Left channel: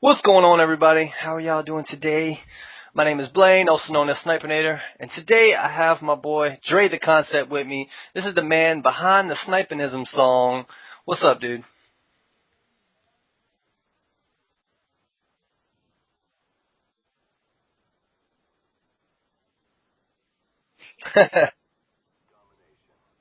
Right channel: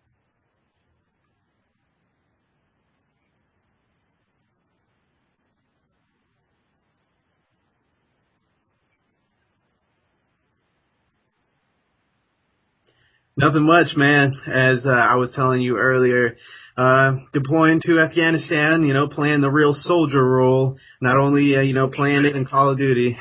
What's going on, everybody? How are y'all doing today? My name is Blaine, also known as SniPinAtor, and today I have my boy DreTheConcept with me. This is the man behind the SniPinism song. What's up, dude? Nothing much, man. As I was telling you earlier, deploying to Afghanistan, playing the real soldier role, not only, playing it in Call of Duty.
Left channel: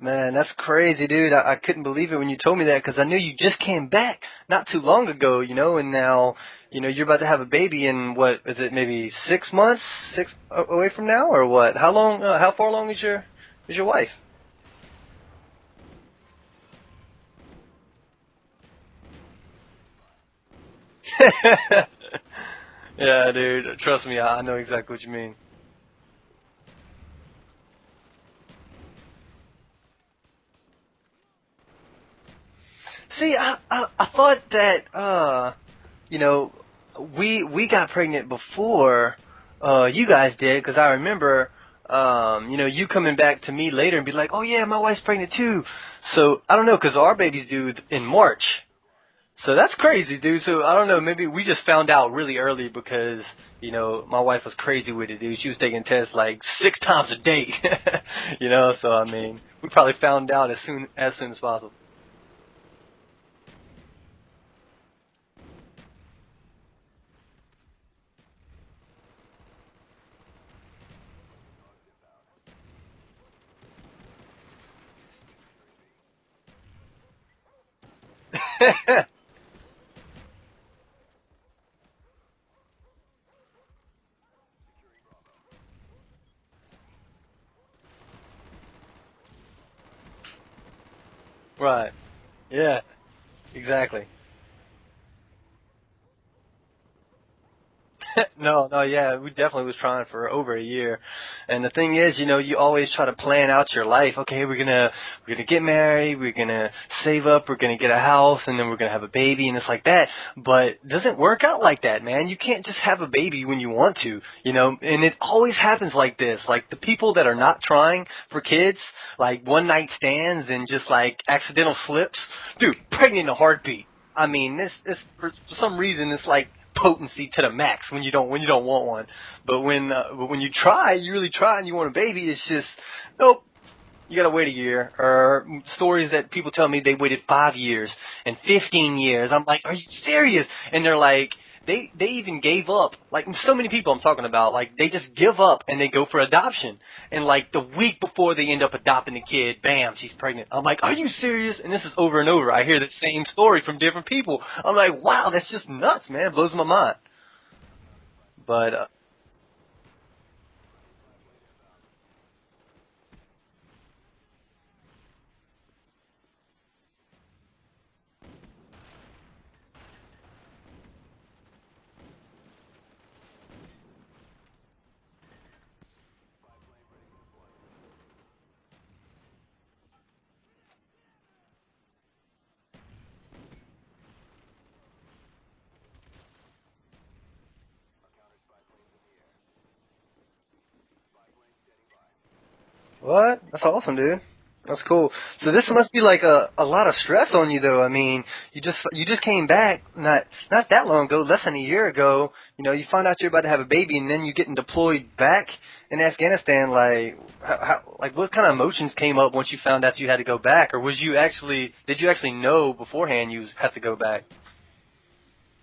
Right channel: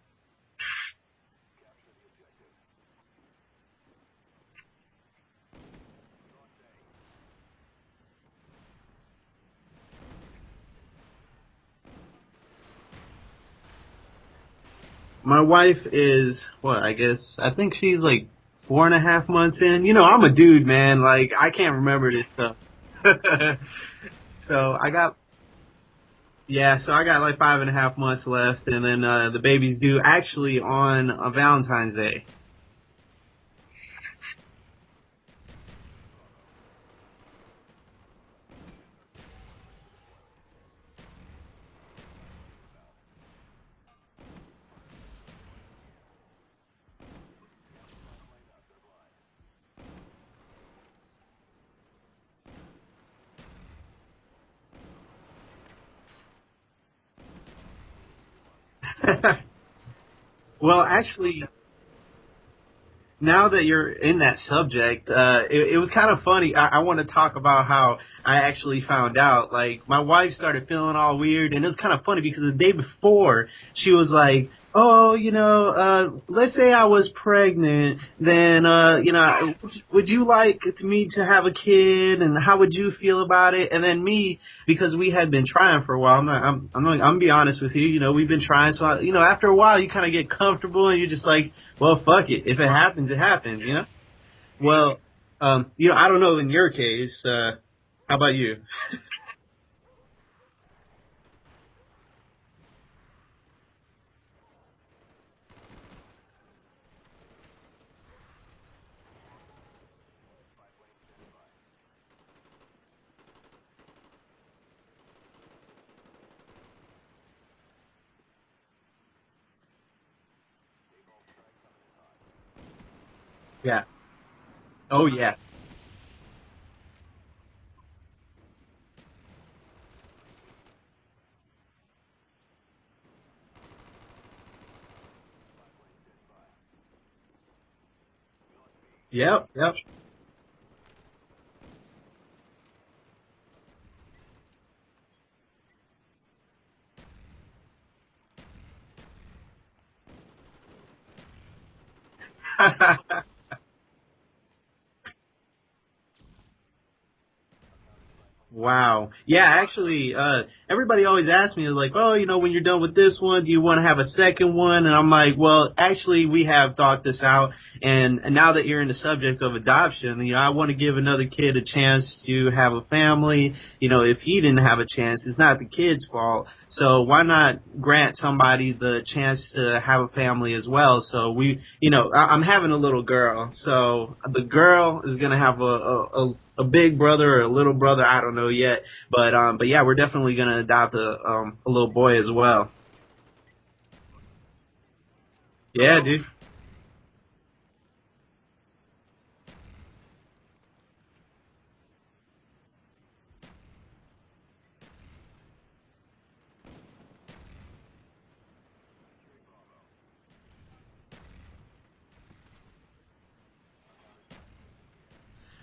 Man, that's crazy, dude. I couldn't believe it when you told me that because I knew you just came back not too long ago, and now, you're about to have a baby in what is it, maybe 6 months, away from now, or what? How long? How far along is your wife? My wife is, I think she's like 4.5 months in. I'm a dude, man. Like, I can't remember this stuff. Yeah, dude. Trust me, I know So exactly what you mean. I got like 5.5 months left, and then the baby's due actually on Valentine's Day. See, I thought that you know, we got pregnant before you guys did because I remember you coming back to me later and be like, oh yeah, my wife's pregnant too. So I don't know because our baby's due in March. So that's crazy, dude. So I don't know. Maybe we just found out really early because my wife was crazy with it, dude. She was taking tests like 6 times a day. So I mean, we probably found out as Well, soon as actually, possible. now that you're in that subject, it was kind of funny. I want to talk about how I actually found out. Like, my wife started feeling all weird, and it was kind of funny because the day before, she was like, "Oh, let's say I was pregnant, then, would you like me to have a kid, and how would you feel about it?" And then me, because we had been trying for a while, I'm gonna be honest with you. We've been trying, so after a while, you kind of get comfortable, and you're just like, Right. well, fuck it. If it Yeah. happens, it happens. Exactly. Well, I don't know in your case. How about you? No, no, yeah, we definitely was trying for over a year. And the thing is, you always try to plan out your life. Okay, we're gonna get married, we're gonna save up, we're gonna get a house, and then we're gonna have a baby, and it's like that. But it doesn't work out like that, man. You can't just have a baby when you want to, and it always happens like this. Like the people that are not trying for kids, like one night stands and just like accidental slips, dude, pregnant in a Yeah. heartbeat. I mean, this is Oh for yeah. some reason it's like potency to the max when you don't want one. But when you try, you really try, and you want a baby, it's just nope. You gotta wait a year. Or stories that people tell me they waited 5 years and 15 years. I'm Yep. like, are Yep. you serious? And they're like, they even gave up. Like so many people I'm talking about, like they just give up and they go for adoption. And like the week before they end up adopting the kid, bam, she's pregnant. I'm like, are you serious? And this is over and over. I hear the same story from different people. I'm like, wow, that's just nuts, man. It blows my mind. But Wow. Yeah, actually, everybody always asks me, like, oh, when you're done with this one, do you want to have a second one? And I'm like, well, actually, we have thought this out. And now that you're in the subject of adoption, I want to give another kid a chance to have a family. If he didn't have a chance, it's not the kid's fault. So why not grant somebody the chance to have a family as well? So I'm having a little girl. So the girl is going to have a big brother or a little brother, I don't know yet, but yeah, we're definitely gonna adopt a little boy as well. what? That's awesome, dude. That's cool. So this must be Yeah, like dude. a lot of stress on you, though. I mean, you just came back not that long ago, less than a year ago. You find out you're about to have a baby, and then you're getting deployed back in Afghanistan. Like, like what kind of emotions came up once you found out you had to go back, or did you actually know beforehand you had to go back?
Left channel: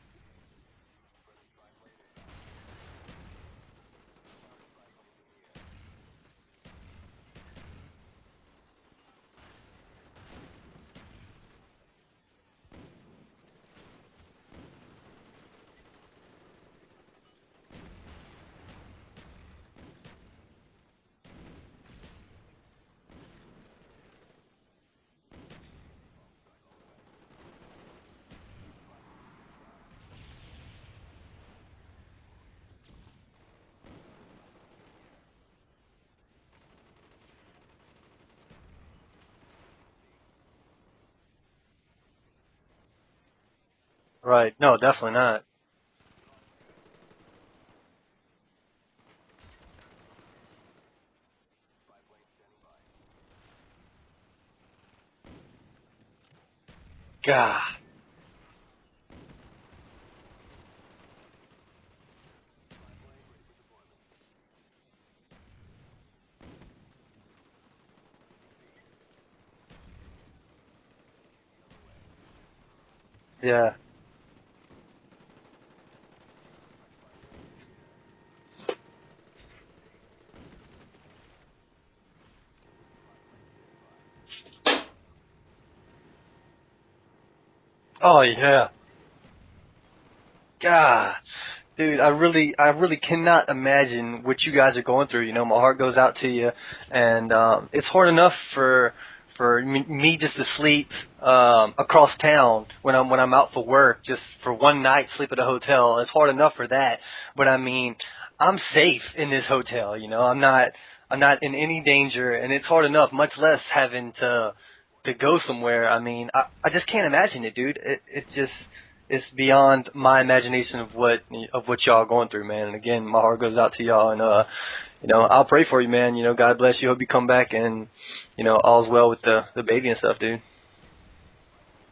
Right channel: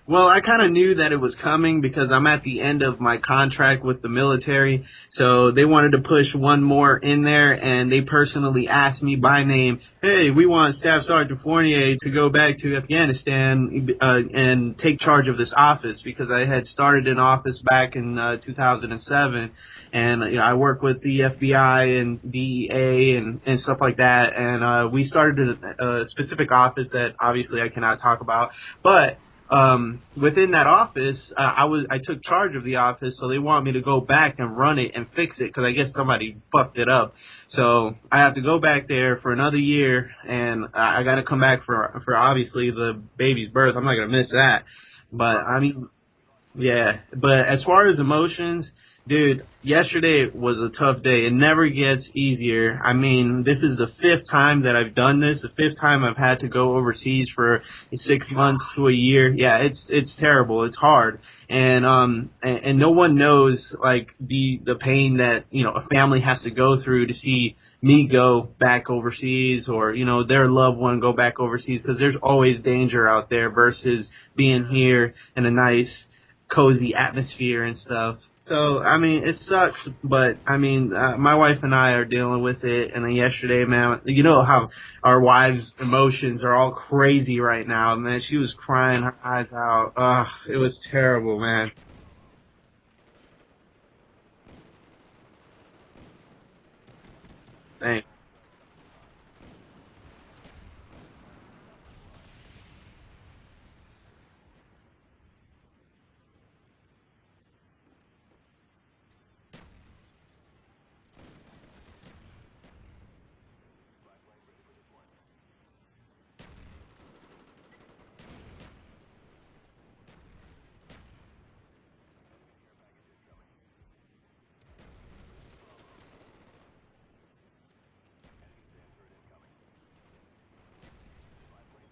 Well, I kind of knew that it was coming because I'm at the end of my contract with the military, so they wanted to push one more in there, and they personally asked me by name, "Hey, we want Staff Sergeant Fournier to go back to Afghanistan and take charge of this office," because I had started an office back in 2007, and I work with the FBI and DEA and stuff like that, and we started a specific office that obviously I cannot talk about, but within that office, I took charge of the office, so they want me to go back and run it and fix it because I guess somebody fucked it up. So I have to go back there for another year, and I got to come back for obviously the baby's birth. I'm not gonna miss Right? that. No, definitely But not. I mean, yeah. But as far as emotions, Dude, yesterday was a tough day. It never gets easier. I mean, this is the 5th time that I've done this. The 5th time I've had to go overseas God. for 6 months to a year. Yeah, it's terrible. It's hard. And no one knows like the pain that, a family has to go through to see me go back overseas, or, their loved one go back overseas, because there's always danger out there Yeah. versus being here in a nice cozy atmosphere and stuff. So, I mean, it sucks, but, I mean, my wife and I are dealing with it, and then yesterday, man, you know how our wives' emotions are all crazy right now, man. Oh She was yeah. crying her eyes out. Ugh, it was God. terrible, man. Dude, I really cannot imagine what you guys are going through. You know, my heart goes out to you, and it's Thanks. hard enough for me just to sleep across town when I'm out for work, just for one night, sleep at a hotel. It's hard enough for that, but I mean, I'm safe in this hotel. You know, I'm not in any danger, and it's hard enough, much less having to go somewhere. I mean, I just can't imagine it, dude. It just it's beyond my imagination of what y'all are going through, man. And again, my heart goes out to y'all, and I'll pray for you, man. You know, God bless you. Hope you come back, and all's well with the baby and stuff, dude.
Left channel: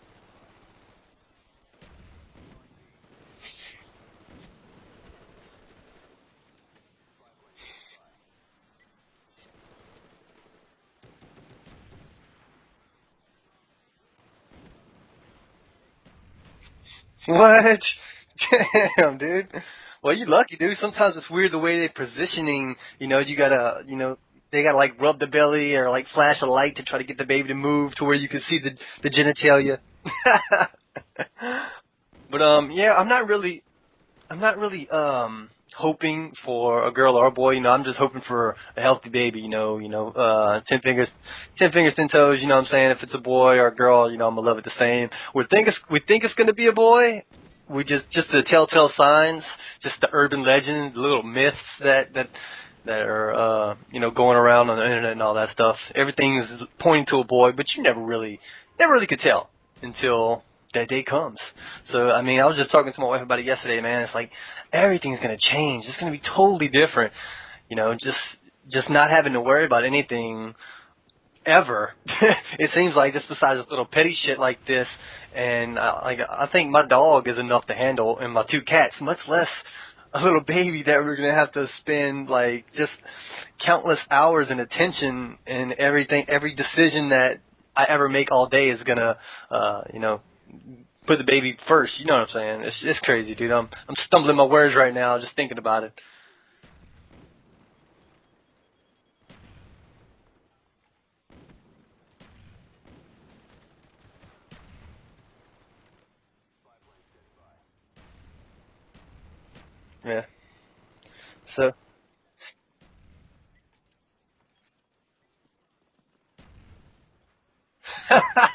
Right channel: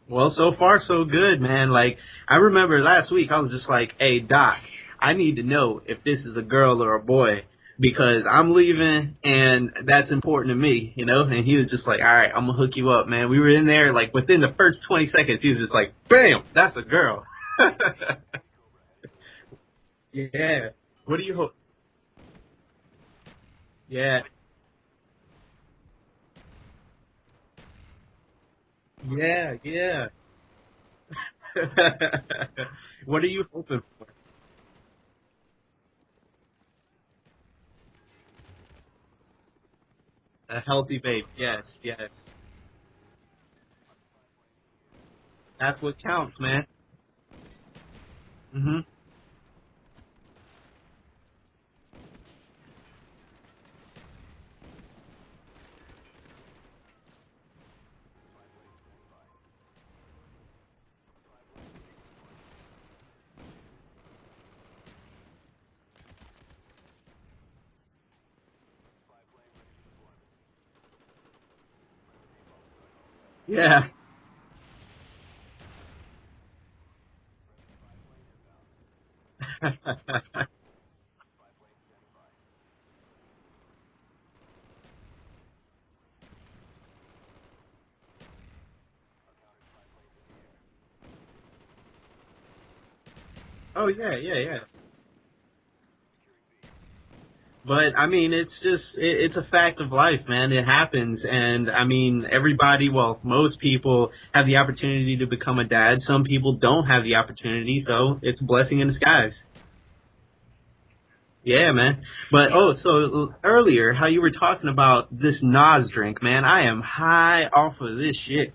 Well, so far so good, man. Like, I remember last week I was just like, "Hey, Doc, I need to know if this is a girl or a boy because I'm leaving and that's important to me, you know?" And he was just like, "All right, I'm gonna hook you up, man." We were in there, like, within the first 20 seconds, he was just like, "Bam, that's a girl." What? Damn, dude. Well, you lucky, Yeah. dude. Sometimes What do it's you weird hope? the way they're positioning. You gotta, Yeah. they gotta like rub the belly or like flash a light to try to get the baby to move to where you can see the Yeah, genitalia. yeah. But yeah, I'm What not are you really. hoping for? I'm not really hoping for a girl or a boy. I'm just hoping for a healthy baby. A Ten healthy fingers, baby, yes. 10 fingers, 10 toes. You know what I'm saying? If it's a boy or a girl, I'm gonna love it the same. That's what We think it's counts, gonna man. be a boy. We just the Hmm. telltale signs, just the urban legends, the little myths that are going around on the internet and all that stuff. Everything's pointing to a boy, but you never really could tell until that day comes. So I mean, I was just talking to my wife about it yesterday, man. It's like everything's gonna change. It's gonna be totally different. Just not having to worry about anything ever. It seems like just besides this Yeah. little petty shit like this, and I think my dog is enough to handle, and my 2 cats, much less a little baby that we're gonna have to spend like just countless hours and attention and everything. Every decision that I ever make all day is gonna, put the baby first. You know what I'm saying? It's crazy, dude. I'm Oh, I'm yeah, stumbling yeah, my yeah. words right now just thinking about it. But I mean, it's just it's a fact of life, man. It happens, and I mean, everybody, well, most people have the opportunity to become a dad. Some people don't have the opportunity, so it's a blessing in disguise. Yeah. Yeah, So, man. But so earlier, how you were talking about this Nas drink, man? I am high off of this shit.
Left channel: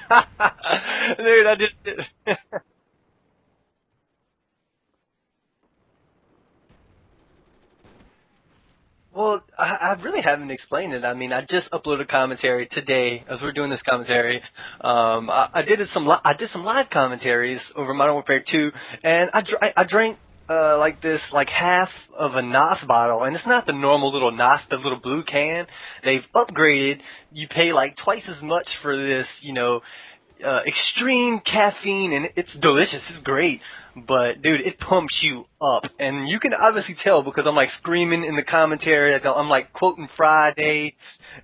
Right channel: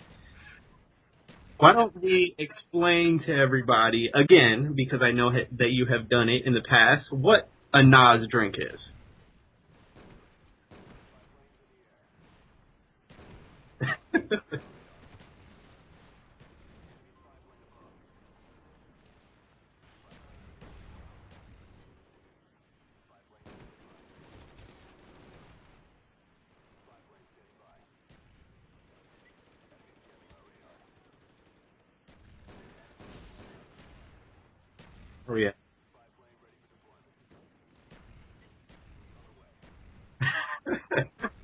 dude, I Why did. don't we explain to everybody again, because I know that you have done it in the past, what a Nas drink is? Well, I really haven't explained it. I mean, I just uploaded commentary today as we're doing this commentary. I did some live commentaries over Modern Warfare 2, and I drank like this like half of a Nos bottle, and it's not the normal little Nos, the little blue can. They've upgraded. You pay like twice as much for this, extreme caffeine, and it's delicious. It's great. But dude, it pumps Oh you yeah. up, and you can obviously tell because I'm like screaming in the commentary. I'm like quoting Friday,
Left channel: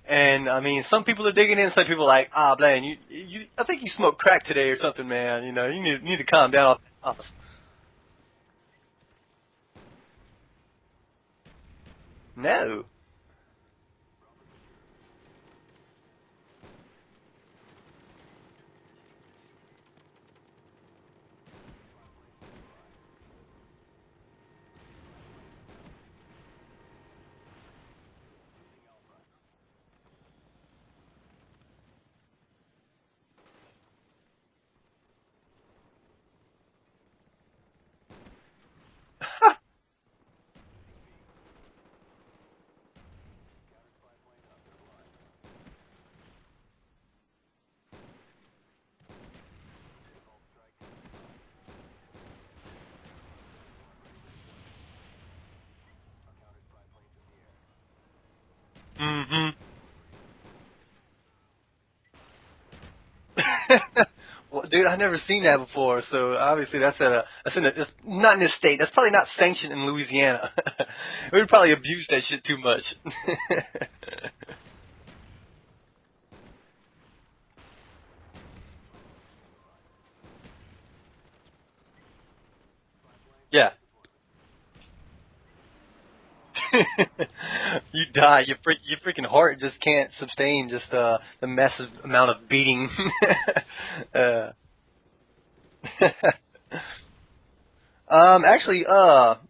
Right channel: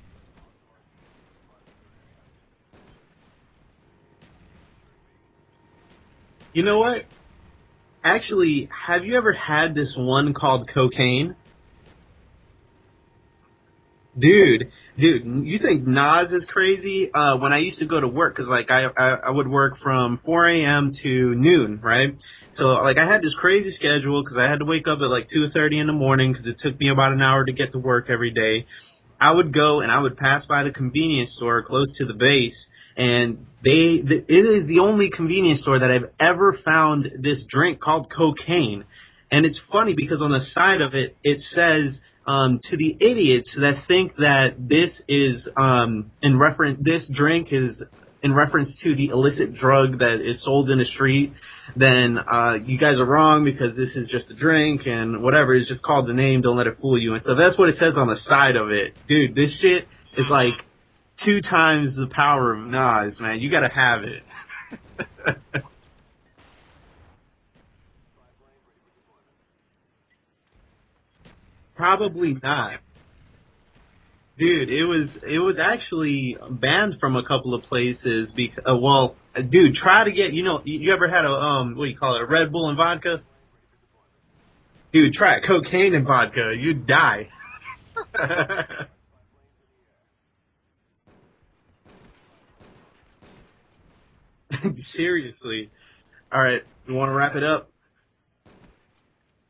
and I mean, some people are digging in. Some people are like, Blaine, I think you smoked crack today or something, man. You need to calm You know down. what? Actually, have you ever had this one called cocaine? No. Dude, you think Nas is crazy? When I used to go to work, cause like I would work from 4 a.m. to noon, right? So like I had this crazy schedule, cause I had to wake up at like 2:30 in the morning, cause it took me about an hour to get to work every day. I would go and I would pass by the convenience store close to the base, and it is the only convenience store that I've ever found this drink called cocaine. And it's funny because on the side of it, it says, to the idiots that think that this is, this drink is in reference to the illicit drug that is sold in the street, then you guys are wrong because this is just a drink and whatever. It's just called the name. Don't let it fool you. And so that's what it says on the side of it. Dude, this shit is like 2 times the power of Nas, man. You gotta have it. Well, dude, I've never seen that before. So obviously it's not in this state. That's probably not sanctioned in Louisiana. We would probably abuse that shit not. too much. Dude, it was actually banned from a couple of places because dude, try to get, you ever had a what do you call it, a Red Bull and vodka? Yeah. Dude, try cocaine and vodka. You'd die. You die. Your freaking heart just can't sustain just the massive amount of beating. Seriously. All right, you want to wrap it up? Actually,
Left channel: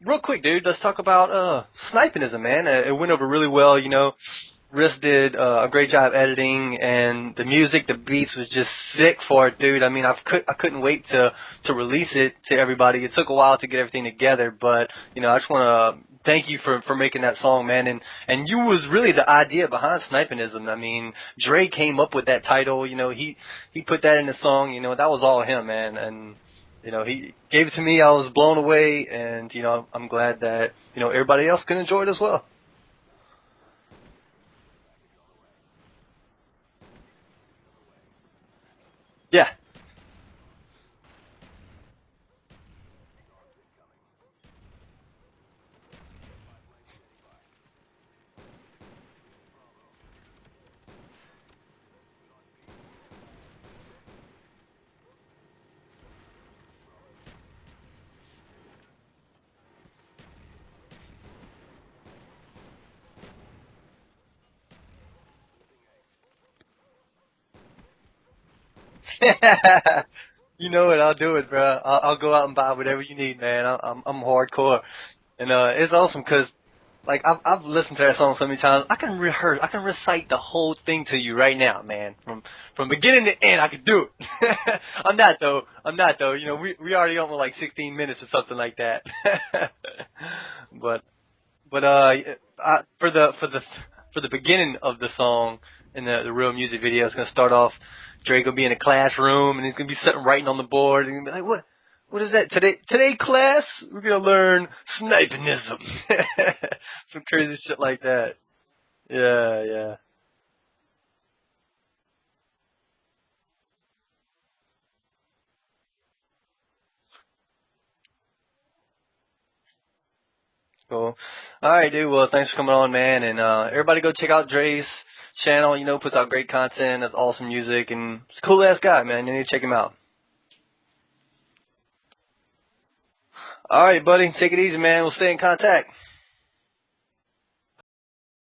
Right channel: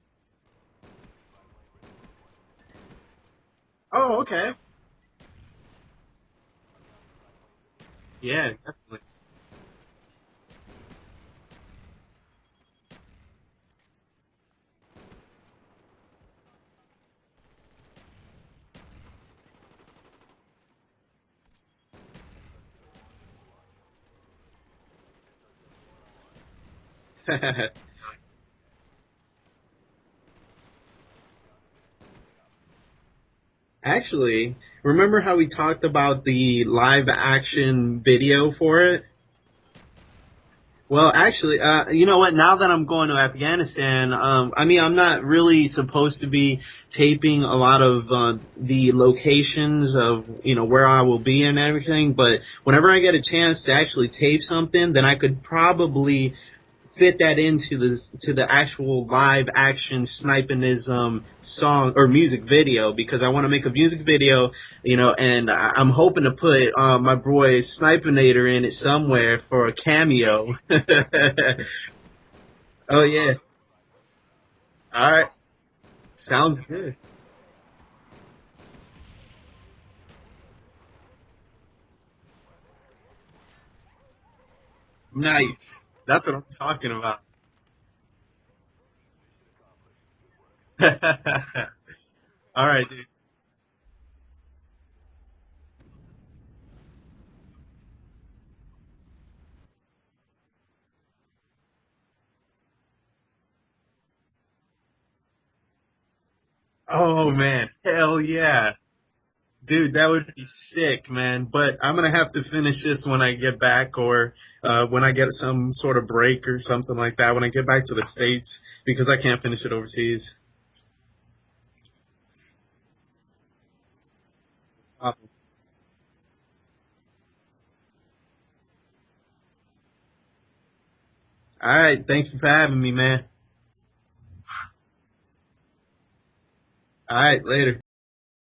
real quick, dude, let's talk about SniPinAtoRGaMinG, man. It went over really well, Oh, okay. Riss did a great job editing, and the music, the beats was just sick for it, dude. I mean, I couldn't wait to release it to everybody. It took a while to get everything together, but I just want to thank you for making that song, man. And you was really the idea behind SniPinAtoRGaMinG. I mean, Dre came up with that title. He put that in the song. That was all him, man. And he gave it to me. I was blown away, and I'm glad that everybody else can enjoy it as well. Actually, remember how we talked about the live action video for it? Yeah. Well, actually, you know what? Now that I'm going to Afghanistan, I mean, I'm not really supposed to be taping a lot of the locations of where I will be and everything. But whenever I get a chance to actually tape something, then I could probably fit that into the actual live action SniPinAtoRGaMinG song or music video, because I want to make a music video, and I'm hoping to put my boy SniPinAtoR in it somewhere for a cameo. You know what? I'll do it, bro. I'll go out and buy whatever. Oh yeah, man. I'm hardcore. All right. And it's awesome because good. like I've listened to that song so many times. I can recite the whole thing to you right now, man. From beginning to end, I could do it. I'm not though. That's though. We already on like 16 minutes or something like that. but all right, for the beginning of the song in the real music video, it's gonna start off. Dre gonna be in a classroom and he's gonna be sitting writing on the board and he's gonna be like, what is that today class? We're gonna learn SniPinAtoRGaMinG. Oh man, like hell that. yeah. Yeah, dude, that would be sick, man. But I'm gonna have to finish this when I get back, or when I get some sort of break or something like that. When I get back to the States, because I can't finish it overseas. Cool. All right, dude. Well, thanks for coming on, man. And everybody go check out Dre's channel. Puts out great content. That's awesome music, and he's a cool ass guy, man. You need to check him out. All right, thank you for having me, man. All right, buddy. Take it easy, man. We'll stay in contact. All right, later.